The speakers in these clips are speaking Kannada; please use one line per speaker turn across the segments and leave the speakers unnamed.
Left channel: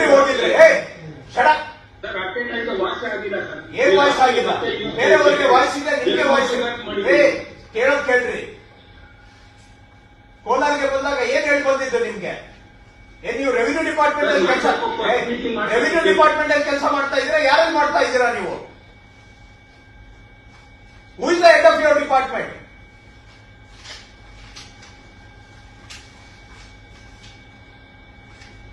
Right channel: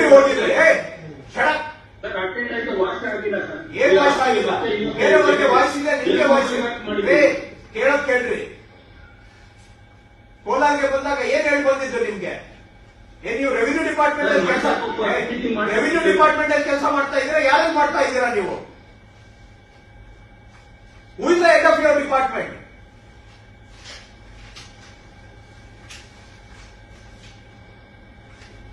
ಎಲ್ಲಿ
ಹೋಗಿದ್ರಿ?
ಏನ್ ವಾಯ್ಸ್ ಆಗಿಲ್ಲ? ಬೇರೆಯವರಿಗೆ ವಾಯ್ಸ್ ಇದೆ ನಿಮಗೆ ವಾಯ್ಸ್ ಕೇಳೋದ್ ಕೇಳ್ರಿ. ಕೋಲಾರ್ಗೆ ಬಂದಾಗ ಏನ್ ಹೇಳಿ ಬಂದಿದ್ದು ನಿಮ್ಗೆ? ಏನ್ ನೀವು ರೆವಿನ್ಯೂ ಡಿಪಾರ್ಟ್ಮೆಂಟ್ ಅಲ್ಲಿ ಕೆಲಸ ರೆವಿನ್ಯೂ ಡಿಪಾರ್ಟ್ಮೆಂಟ್ ಅಲ್ಲಿ ಕೆಲಸ ಮಾಡ್ತಾ ಇದ್ರೆ ಯಾರು ಮಾಡ್ತಾ ಇದ್ದೀರಾ ನೀವು? Who is the head of your department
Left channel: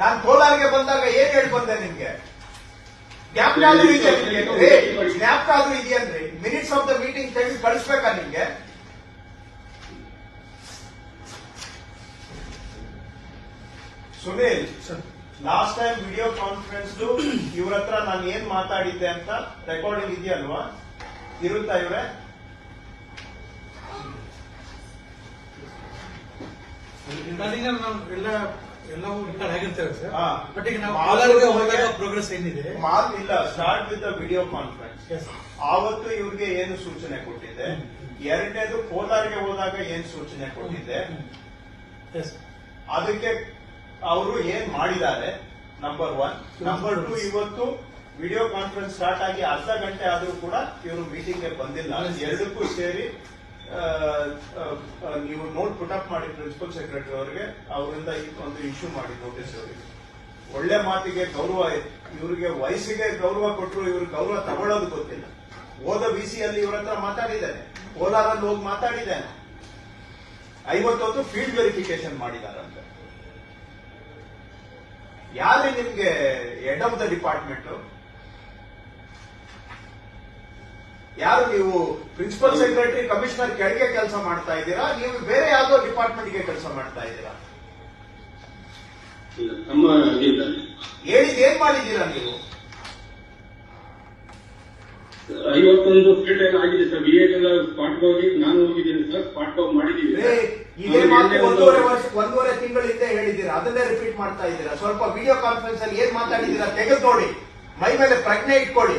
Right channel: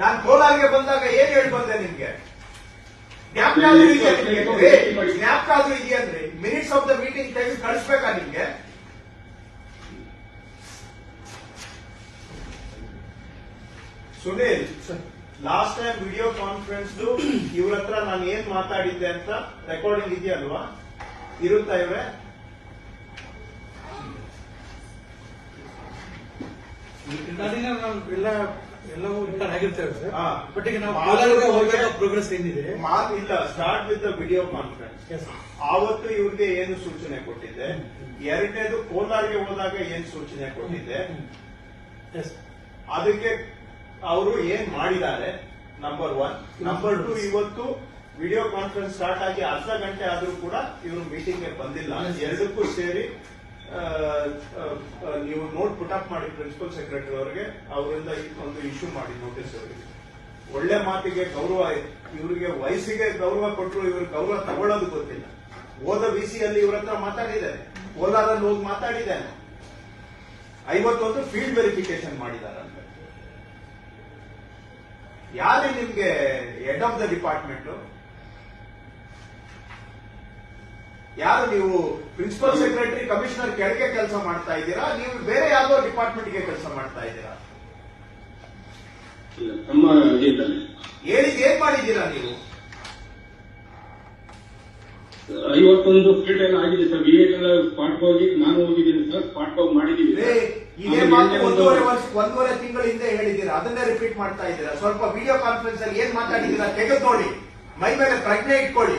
ನಾನು ಕೋಲಾರಿಗೆ ಬಂದಾಗ ಏನ್ ಹೇಳಿ ಬಂದೆ ನಿಮ್ಗೆ? ಜ್ಞಾಪಕ ಆದ್ರೂ ಇದೆಯಾ ಜ್ಞಾಪಕ ಆದ್ರೂ ಇದೆಯನ್ರಿ ಮಿನಿಟ್ಸ್ ಆಫ್ ದ ಮೀಟಿಂಗ್ ತೆಗೆದು ಕಳಿಸ್ಬೇಕಾ ನಿಮ್ಗೆ? Sunil last time video conference ಇವ್ರ ಹತ್ರ ನಾನು ಏನ್ ಮಾತಾಡಿದ್ದೆ ಅಂತ ರೆಕಾರ್ಡಿಂಗ್ ಇದೆಯಲ್ವಾ? ಇರುತ್ತಾ
ಇವೆ? ಎಲ್ಲ ಎಲ್ಲವೂ ರಿಕಾರ್ಡ್ ಆಗಿರ್ತೇವೆ ಸರ್.
ಹಾ.
ಬಟ್ ಈಗ ನಾವು ಕೋಲಾರಕ್ಕೆ ಹೋದಾಗ ಪ್ರೋಗ್ರೆಸ್ ಏನಿದೆ?
ಮಾತಿಲ್ಲ start with video conference
Yes.
ಆವತ್ತು ಇವ್ರಿಗೆ ಏನು ಸೂಚನೆ ಕೊಟ್ಟಿದ್ದೆ? ಎರಡನೇದು ಕೋಲಾರ್ಗೆ ಹೋದಾಗ ಏನ್ ಸೂಚನೆ ಕೊಟ್ಟಿದ್ದೆ?
ಎಸ್
ಅದಕ್ಕೆ ಅವರು ಏನ್ ಮಾಡಿದ್ದಾರೆ? ನಂಬರ್ ಒನ್ ನಂಬರ್ ಟು ಇವತ್ತು ವಿಡಿಯೋ ಕಾನ್ಫರೆನ್ಸ್ ಸ್ಟಾರ್ಟ್ ಆಗಿ ಅರ್ಧ ಗಂಟೆ ಆದ್ರೂ ಕೂಡ ಇವರು ಮೀಟಿಂಗ್ಗೆ ಬಂದಿಲ್ಲ. ಎರಡಕ್ಕೂ ಸೇರಿ ನೀವು ನೋಟ್ ಪುಟಪ್ ಮಾಡಿ ಪ್ರಿನ್ಸಿಪಲ್ ಸೆಕ್ರೆಟರಿ ಅವರಿಗೆ, ಅವರಿಂದ ಈ ಒಂದು ಇಶ್ಯೂ ಮಾಡಿ ನೋಟಿಸ್ ಅವರಿಗೆ. ಒಳ್ಳೆ ಮಾತಿಗೆ ಗೌರವ, ಇವರಿಗೆ ವಯಸ್ಸಿಗೆ ಗೌರವ ಕೊಟ್ಟರು ಇವ್ರಿಗೆ ಗೌರವ ತಗೊಳ್ಳೋದು ಗೊತ್ತಿಲ್ಲ. ಹೋದ ಬಿಸಿಯಲ್ಲಿ ಇವ್ರ ಹತ್ರ ಮಾತಾಡಿದ್ದಾನೆ ಕೋಲಾರಲ್ಲಿ ಹೋಗಿ ಮಾತಾಡಿದ್ದಾನೆ ಐವತ್ತೊಂದು ಫೀಲ್ಡ್ ವೆರಿಫಿಕೇಶನ್ ಮಾಡಿದಾರಂತ ಯಾರು ನಿಮ್ಗೆ ಹೆಡ್ ಆಫ್ ದ ಡಿಪಾರ್ಟ್ಮೆಂಟ್ ಯಾರು ನೀವು ಪ್ರಿನ್ಸಿಪಲ್ ಸೆಕ್ರೆಟರಿ ಕಮಿಷನರ್ ಕೆಳಗೆ ಕೆಲಸ ಮಾಡ್ತಾ ಇದ್ದೀರಾ? ನೀವು ಬೇರೆ ಯಾವ್ದೋ ಡಿಪಾರ್ಟ್ಮೆಂಟ್ಗೆ ಕೆಲಸ ಮಾಡ್ತಾ ಇದ್ದೀರಾ?
ನಮ್ಮ
ಹೇಳಿದ್ ಏನ್ ಮಾಡಿದ್ದೀರಾ ನೀವು?
ಐವತ್ತೊಂದು ಫೀಲ್ಡ್ ಎಲ್ಲ ಆಗಿದೆ ಸರ್. ವಿ ಎಲ್ಲ ಸ್ಪಾಟ್ ಹೋಗಿ ನಾನು ಹೋಗಿದ್ದೀನಿ ಸರ್. ಸ್ಪಾಟ್ ಹೋಗಿ ಮಾಡಿದ್ದೀನಿ.
ಇದೇ ಮಾತು ಒಂದೂವರೆ ವರ್ಷ ಒಂದೂವರೆ ತಿಂಗಳ ಹಿಂದೆ ಹೇಳಿದ್ದೀರಾ? ಅದನ್ನೇ ರಿಪೀಟ್ ಮಾಡ್ತಾ ಇದ್ದೀರಾ? ಸ್ವಲ್ಪ ವಿಡಿಯೋ ಕಾನ್ಫರೆನ್ಸ್ ಅಲ್ಲಿ ಏನ್ ಮಾತಾಡಿದ್ದೀರಾ? ತೆಗೆದು ನೋಡಿ. ಮೈ ಮೇಲೆ ಪ್ರಜ್ಞೆ ಇಟ್ಕೊಳ್ಳಿ.